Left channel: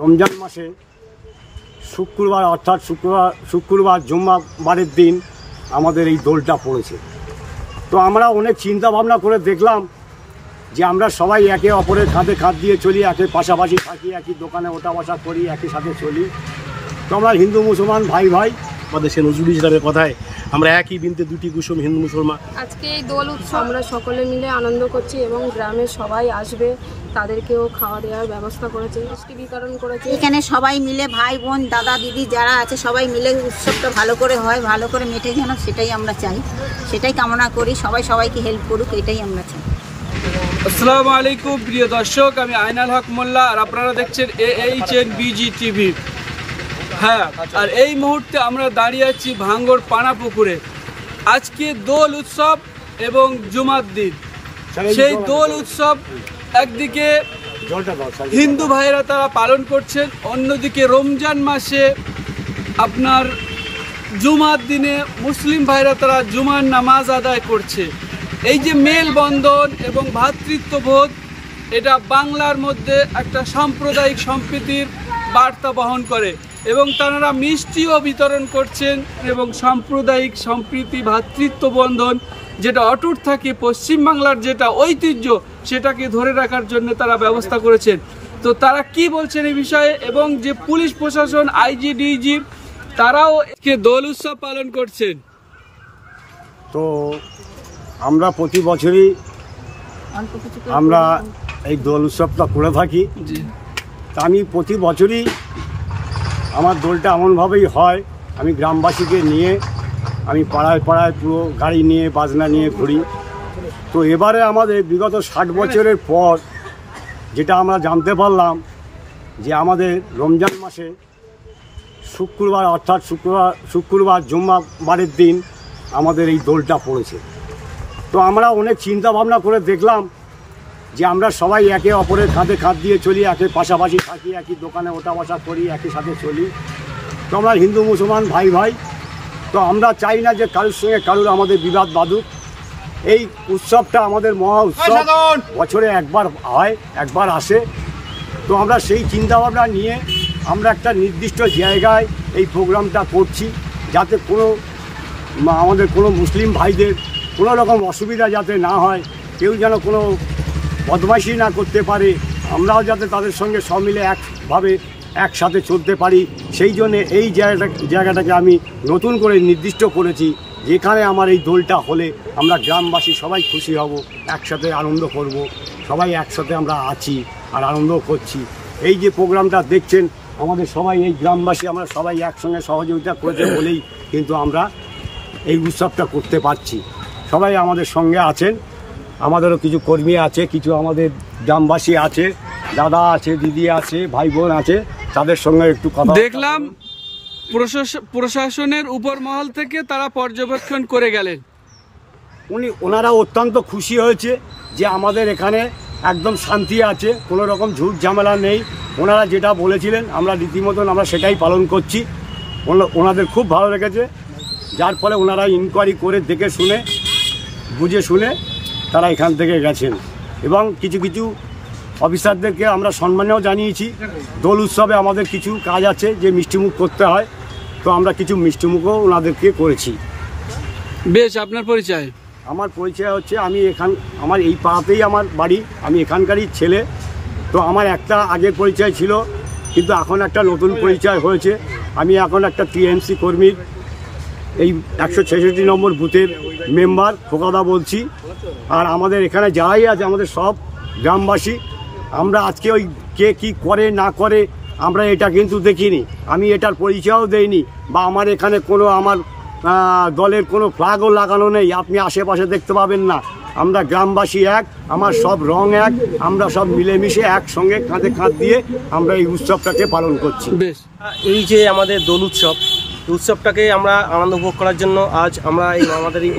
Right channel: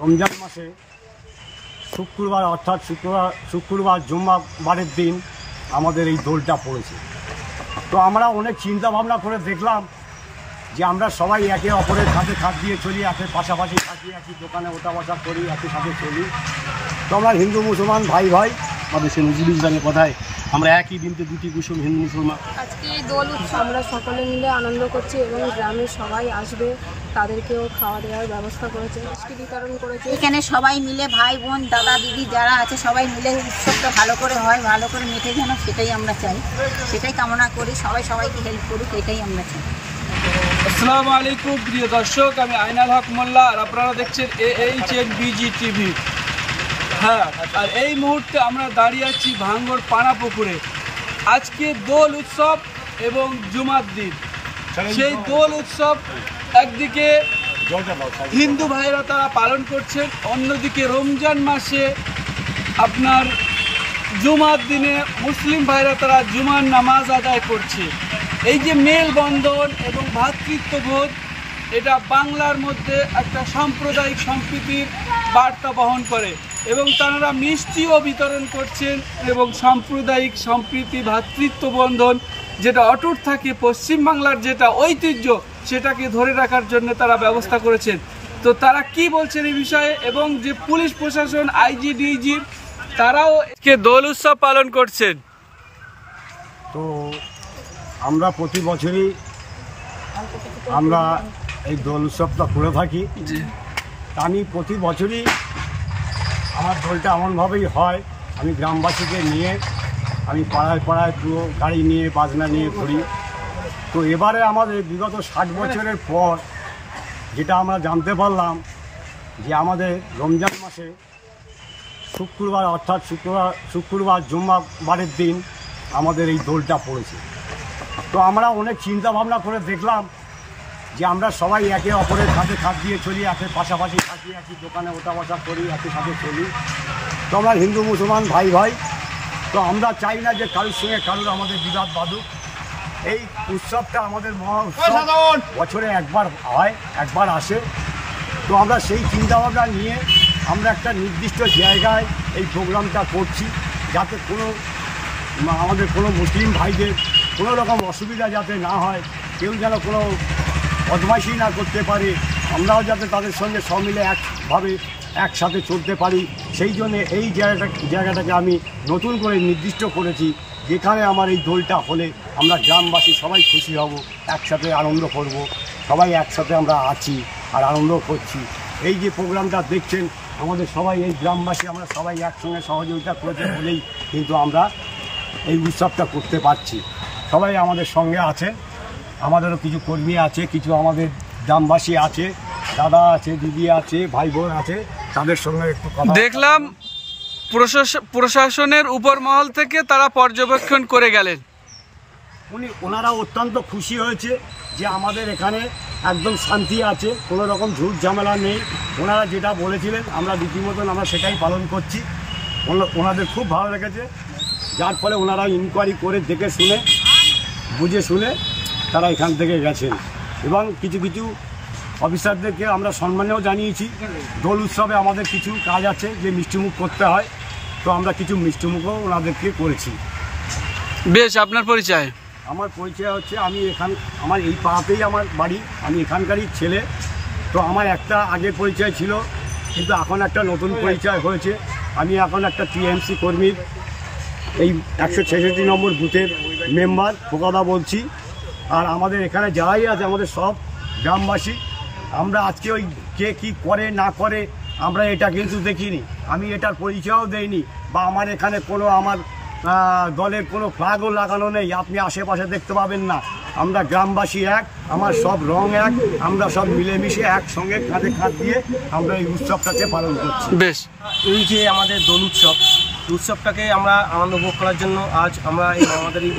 রমজান মাসে শুক্রবার অর্থাৎ শুক্রবার জুম্মাবারের দিন আমাদের এই দোলটা পড়েছে। তো আমরা অনেক চিন্তা ভাবনা করে দেখলাম যে আমরা সবাই একে অপরের কাঁধে কাঁধ দিয়ে চলি, একের পাশাপাশি থাকি, একই দোকানে ওঠা বসা করি, একই সাথে চলি। তো আমরা হিন্দু মুসলমান ভাই ভাই, আমাদের সে নজরুল ইসলামের কথায় আমরা একই বিনতে দুটি কুসুম হিন্দু মুসলমান। আজকে এই দোল উৎসব আমরা সকলে মিলে আনন্দ করছি এবং গ্রামের সবাই আসবে, তাদেরকেও খাওয়া দেওয়ার ব্যবস্থা করেছে, মিষ্টি বিতরণ করেছে। এখানে সবাই মিলে ভাই বোন দাদা দিদি যারা আছে সবাই মিলে উৎসবটা ভালো করে হয়, ভালো করে মেটে যেন, সেটাই আমরা চাই, সেটাই কামনা করি। সবাই সবাইকে হেল্প করুক, এটাই আমরা চাই। আসসালামু আলাইকুম প্রিয় দর্শক, আমি আইনাল হক মোল্লা আর আপনারা দেখছেন AHNBG টিভি। হ্যাঁ, আর এই মুহূর্তে আমরা দাঁড়িয়ে আছি ভাঙ্গর পানাপুকুরে। আজকে দোল উৎসব এবং জুমার দিন। সেই দোল উৎসব একদিকে হিন্দু ভাইরা তারা পালন করছেন, অন্যদিকে রমজান মাসে আপনার জুমার দিনে মুসলিম ভাইরা তারা জুমার নামাজ আদায় করছে। এই যে মেলবন্ধন এবং ভ্রাতৃত্ববোধ, এটা বাংলার মধ্যে একটা সাম্প্রদায়িক সম্প্রীতির বার্তা বহন করে এবং তারা মিষ্টিও বিতরণ করছেন এবং সাম্প্রদায়িক সম্প্রীতি ভ্রাতৃত্ববন্ধন যেটা অটুট থাকে, পশ্চিমবাংলার যেটা ঐতিহ্য সেটাকে ধরে রাখার জন্য তারা ব্যবস্থা করেছেন। তো তারা কি বলছেন এই বিষয়ে, এবং যে পুলিশ প্রশাসন আইজি ডিজি তারাও দোল উৎসব পালন করছেন। তো আমরা প্রতি বছরই আমরা এই দোল উৎসবটা করে থাকি। তা আমি প্রতি বছরই আমার দোলটা এমনভাবেই হয়, আমি গ্রামবাসীকে নিয়ে আমি পাড়ায় পাড়ায় পুরো গাড়ি নিয়ে বাজনা নিয়ে ঘুরি। তো এবারে আমাদের বিগত 60 বছরের পর যেটা আমরা জানতে পারলাম যে আমাদের রমজান মাসে শুক্রবার অর্থাৎ শুক্রবার জুম্মাবারের দিন আমাদের এই দোলটা পড়েছে। তো আমরা অনেক চিন্তা ভাবনা করে দেখলাম যে আমরা সবাই একে অপরের কাঁধে কাঁধ দিয়ে চলি, একের পাশাপাশি থাকি, একই দোকানে ওঠা বসা করি, একই সাথে চলি। তো আমরা হিন্দু মুসলমান ভাই ভাই, তো আমরা চাই না যে কারোর সঙ্গে কারোর আমাদের বিবাদ বাঁধুক। এই উৎসবটা আমাদের মহা উৎসব, বছরে একবার হয়, একবার আসে। তো আমরা সেই চিন্তাভাবনা নিয়ে আমরা একটা নির্দিষ্ট জায়গায় এই প্রোগ্রামটা করছি, যাতে আমাদের কোনো মুসলিম ভাইদের কোনো রকম অসুবিধা যাতে না হয়, কেউ যেন কোনো বদমাইশি না করতে পারে, আমরাও যাতে তাদের সঙ্গে সব মিলে একভাবে একসাথে চলতে পারি। সেই জন্যে এই জায়গাটাকে আমি নতুন করে নির্দিষ্ট করেছি, যেখানে আমার এই দোলটা হলে আমরা গ্রামবাসী সবাই খুশি হব, একসাথে আনন্দ করব, সবাই একসাথে আমরা আছি আর আনন্দ করছি। এই যে প্রোগ্রামটা দেখছেন, আমাদের সবাই এই গ্রামবাসী আমরা সবাই একসঙ্গে সহযোগিতা করেছে বলেই কিন্তু আমরা এই উৎসবটা করতে পারছি। সবাই আমাদের সঙ্গে আছেন, আমাদেরও কিছু কর্মী আছে, কিছু আমাদের গ্রামবাসী আছে, দাদা আছে, দিদি আছে, ভাই বোন আছে, তাদের সঙ্গে একটু কথা দেখলাম। প্রশাসনের উপর মহল থেকে তারা পর্যবেক্ষণ করে গেলেন। ওনারা অত্যন্ত খুশি হয়েছে যে আমাদের এখানে একদম শান্তি আছে, কোনো রকম ঝুট ঝামেলা নেই। ওনারা যেটা বলেছিলেন আমরা রীতিমতন আমরা সেটাই পালন করছি। ওনাদের খুব ভালো লেগেছে, যার ফলে ওনারা ইনকোয়ারি করে দেখে শুনে বুঝে শুনে তারা এখান থেকে গেছেন। এবং কিছু কিছু অফিসারদেরকে আমরা সম্মানও জানিয়েছি। দোল উৎসবে আমাদের কিছু কাজ আছে যে মিষ্টিমুখ করতে হয়, তো আমরা কিছু মিষ্টিমুখও ওনাদেরকে করেছি। বেশ, আপনার পরিচয়? আমার পরিচয় হচ্ছে আমার এই পাড়াতেই আমার বাড়ি, আমি এখানকারই ছেলে। তো আমার একটা আগের পরিচয় ছিল, কিন্তু এখন একটা নতুন পরিচয় হয়েছে। আমি এখন একটা টিএমসি কর্মীর এই 166 নম্বর বুথের মেম্বার খোকাদা বলছি। আর আমাদের এখানে যারাই আছে আমাদের সব গ্রামবাসী, আমরা আজকে ওই কে কী করে না করে আমরা এটা কিন্তু দেখিনি, আমি এটার পরিচয়ও দেইনি, বা আমার এখানে কোনো আমার দলের কোনো ফ্ল্যাগও লাগানো নেই, আপনি আশেপাশে দেখতে পাবেন না। আমরা গ্রামবাসী এক, আমার সব রং এক, আমরা সব মিলেমিশে একসঙ্গে কাঁধে কাঁধ দিয়ে আমরা এই উৎসবটাকে পালন করছি। বেশ, এই যে আমাদের দোল উৎসবটাকে আমরা আনন্দ উপভোগ করার জন্য আজ আমরা আমাদের এই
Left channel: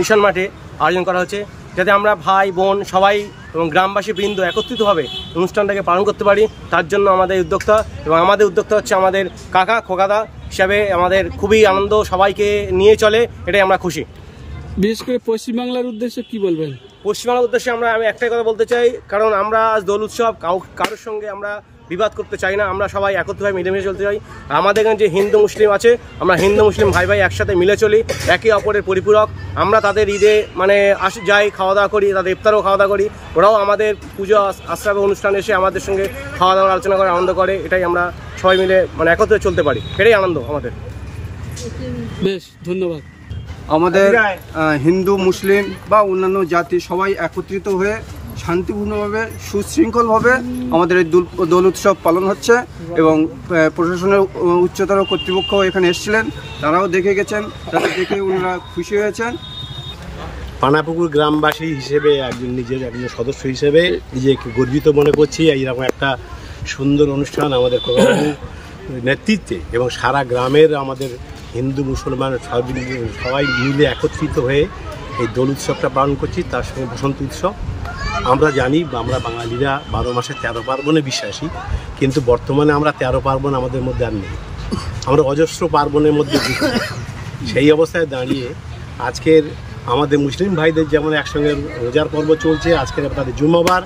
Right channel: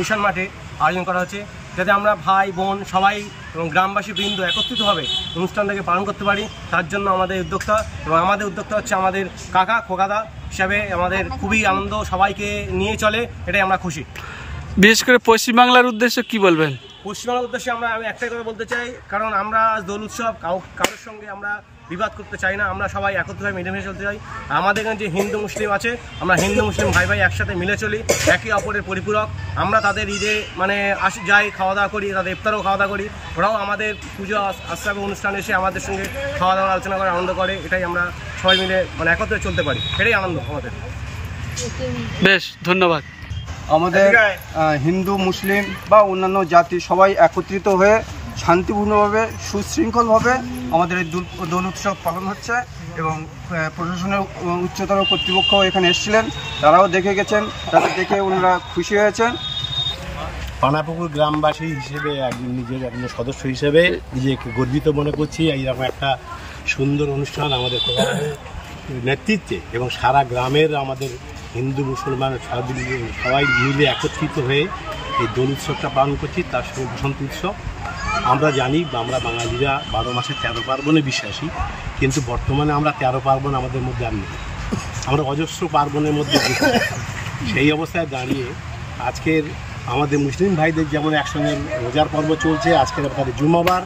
মিশন মাঠে আয়োজন করা হচ্ছে, যাতে আমরা ভাই বোন সবাই এবং গ্রামবাসী বৃন্দ একত্রিতভাবে অনুষ্ঠানটাকে পালন করতে পারি। তার জন্য আমাদের উদ্যোক্তা, এবং আমাদের উদ্যোক্তা হচ্ছে আমাদের কাকা খোকাদা হিসাবে আমাদের খুবই আনন্দ, সবাইকে নিয়ে চলে, এটাই আমরা খুশি। বিশেষ করে পশ্চিমবাংলার উদ্দেশ্যে কি বলবেন? পশ্চিমবাংলার উদ্দেশ্যে আমি একটাই কথা বলতে চাই, কারণ আমরা আজ দোল উৎসব কারোর সঙ্গে আমরা বিবাদ করতে চাই না, আমরা সবাই একত্রভাবে মিলেমিশে চলতে চাই। আমাদের এখানে যে হিন্দু মুসলিম আছে, আমরা হিন্দু মুসলিম ভাই ভাই একসাথে মিলে চলি, একে অপরের পরিপূরক। আমরা তাদের ঈদে মানে যাই, খাওয়া দাওয়া করি, তাদের ইফতারও খাওয়া দাওয়া করি, ওরাও আমাদের পুজো আশ্রয় অনুষ্ঠানে এসে আমাদের সঙ্গে খাওয়া দাওয়া আলোচনা করে আনন্দ করে। এটাই আমরা সবাই মিলে মানে একত্রে চলতে পারি, এটাই আনন্দ আমাদের। বেশ, ধন্যবাদ। আমাদের হিন্দু মুসলিম বা অন্যান্য জাতি সবাই একত্রিত হয়ে শান্তিপূর্ণভাবে সুশৃঙ্খলভাবে আমাদের এই দোল উৎসব পালন হচ্ছে এবং প্রশাসনের উচ্চতর কর্তৃপক্ষ এখানে এসেছিলেন, তারাও দেখে গেছেন, তাদের দেখে ওনারা খুশি হয়েছেন। পানাপুকুর গ্রামবাসী হিসেবে নিজের একজন সদস্য হিসেবে নিজেকে গর্বিত মনে করছি। এইরকম একটা সুন্দর অনুষ্ঠান আমাদের নেতৃত্বে এবং সারা গ্রামের আমাদের হিন্দু মুসলমান সবাই মিলে একত্রিত হয়ে এই দোল উৎসবটা পালন করছি। তার সঙ্গে বসন্ত উৎসব। আমরা জানি আমরা বাঙালিরা 12 মাসে 13 পার্বণে বিশ্বাসী, কিন্তু বর্তমানে আমরা 13 পার্বণ আমাদের মধ্যে আর নেই, আমরা অজস্র পার্বণের মধ্যে। সেই অবস্থায় দাঁড়িয়ে আজকের আমাদের মুসলিম ভাইদের যেমন একসঙ্গে রোজার পর্ব চলছে, আজকের তাদের জুম্মাবার।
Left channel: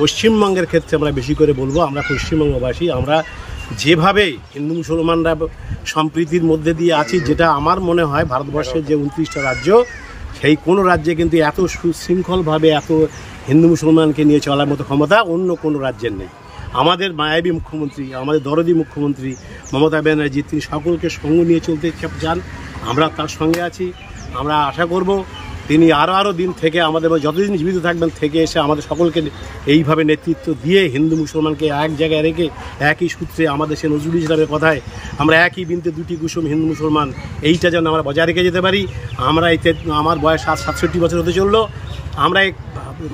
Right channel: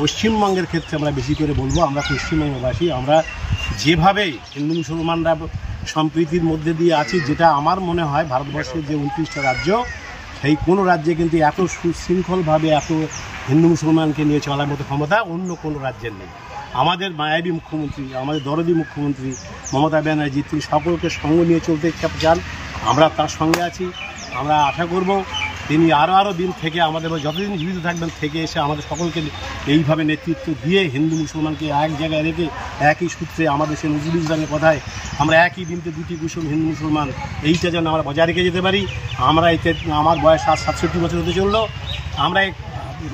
পশ্চিমবঙ্গের ক্ষেত্রে আমরা বেশি করে বলবো, আমরা পশ্চিমবঙ্গবাসী আমরা যেভাবে হিন্দু মুসলমানরা সম্প্রীতির মধ্যে দিয়ে আছি, যেটা আমার মনে হয় ভারতবর্ষের যে 29টা রাজ্য, সেই কোনো রাজ্যে কিন্তু এত সুশৃঙ্খলভাবে এত হিন্দু মুসলমানকে নিয়ে চলার মতো ক্ষমতা অন্য কোনো রাজ্যের নেই। আমাদের মায়াবী মুখ্যমন্ত্রী, আমাদের দরদি মুখ্যমন্ত্রী মমতা ব্যানার্জি, তিনি সকলকে সঙ্গ নিয়ে চলতে চান, আমরা তার সঙ্গে আছি। আমরা আশা করব তিনি আরও দিন থেকে আমাদের যতদিন জীবিত থাকবেন থেকে এসে আমাদের সকলকে এইভাবে নেতৃত্ব দিয়ে হিন্দু মুসলমানকে এক জায়গায় রেখে একই সূত্রে আমাদের সে নজরুল ইসলামের কথায় আমরা একই বিনতে দুটি কুসুম হিন্দু মুসলমান, এইটা যেন আমরা বজায় রেখে যেতে পারি। আমরা এতে আমার বয়স 67 বছর হতে চললো, আমরা এই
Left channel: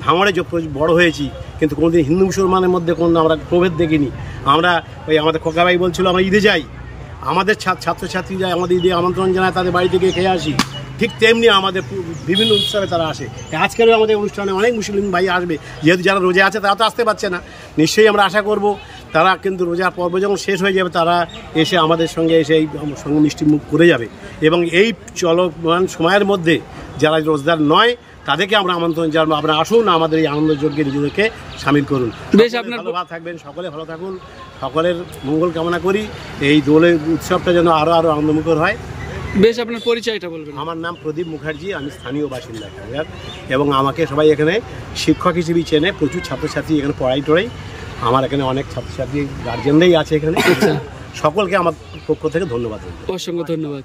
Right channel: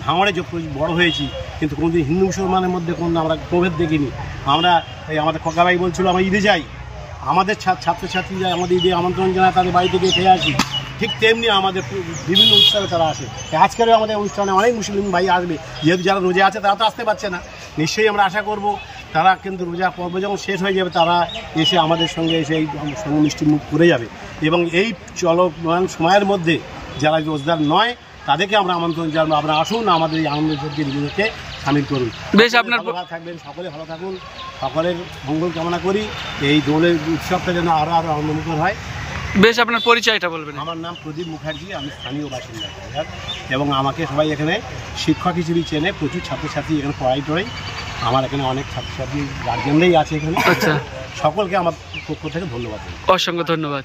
ভাঙড়ে বড় হয়েছি, কিন্তু কোনোদিন হিন্দু মুসলমানের মধ্যে কোনো আমরা প্রভেদ দেখিনি। আমরা ওই আমাদের খোকাভাই বলছিল আমরা ঈদে যাই, আমাদের ছাত্রছাত্রীরা আমাদের ঈদে আমন্ত্রণ জানায়, তাদের বাড়ি থেকে খেয়ে আসি, ঠিক তেমনি আমাদের বিভিন্ন উৎসবে তারা আসে। আজকেরও আমাদের অনুষ্ঠানে অনেক মুসলিম ভাই আসবে, যেহেতু যারা রোজা আছে তারা তো আসতে পারছে না। নিশ্চয়ই আমরা আশা করব তারা কিন্তু রোজার পর্ব যখন শেষ হয়ে যাবে তারা এসে আমাদের সঙ্গে এসে এই সঙ্গে মিষ্টি মুখ করে যাবে। এবং এই চলমান সময়ের মধ্যে যারা রোজদার নয় তাদেরকে আমরা আমন্ত্রণ জানাবো, আপনারা আসুন, আমাদের এই আনন্দ যজ্ঞে নিজেদেরকে সামিল করুন। বেশ, আপনার ভালো থাকবেন, সকলে ভালো থাকুন, সকলের মঙ্গল কামনা করি। এই দোলের উৎসবটা যেন আরও আনন্দমুখর হয়। বেশ, আপনার পরিচয়টা বলবেন। আমার নাম প্রদীপ মুখার্জি, আমি স্থানীয় বাসিন্দা এবং আমাকে সবাই এখানে শিক্ষক হিসেবেই চেনে। প্রচুর ছাত্রছাত্রী এখানে পড়াই আমার এখানে অনেক ছাত্রছাত্রী গার্জেনরাই আছে এখানে। আচ্ছা, সকলকে আমার পক্ষ থেকে ধন্যবাদ। অসংখ্য ধন্যবাদ।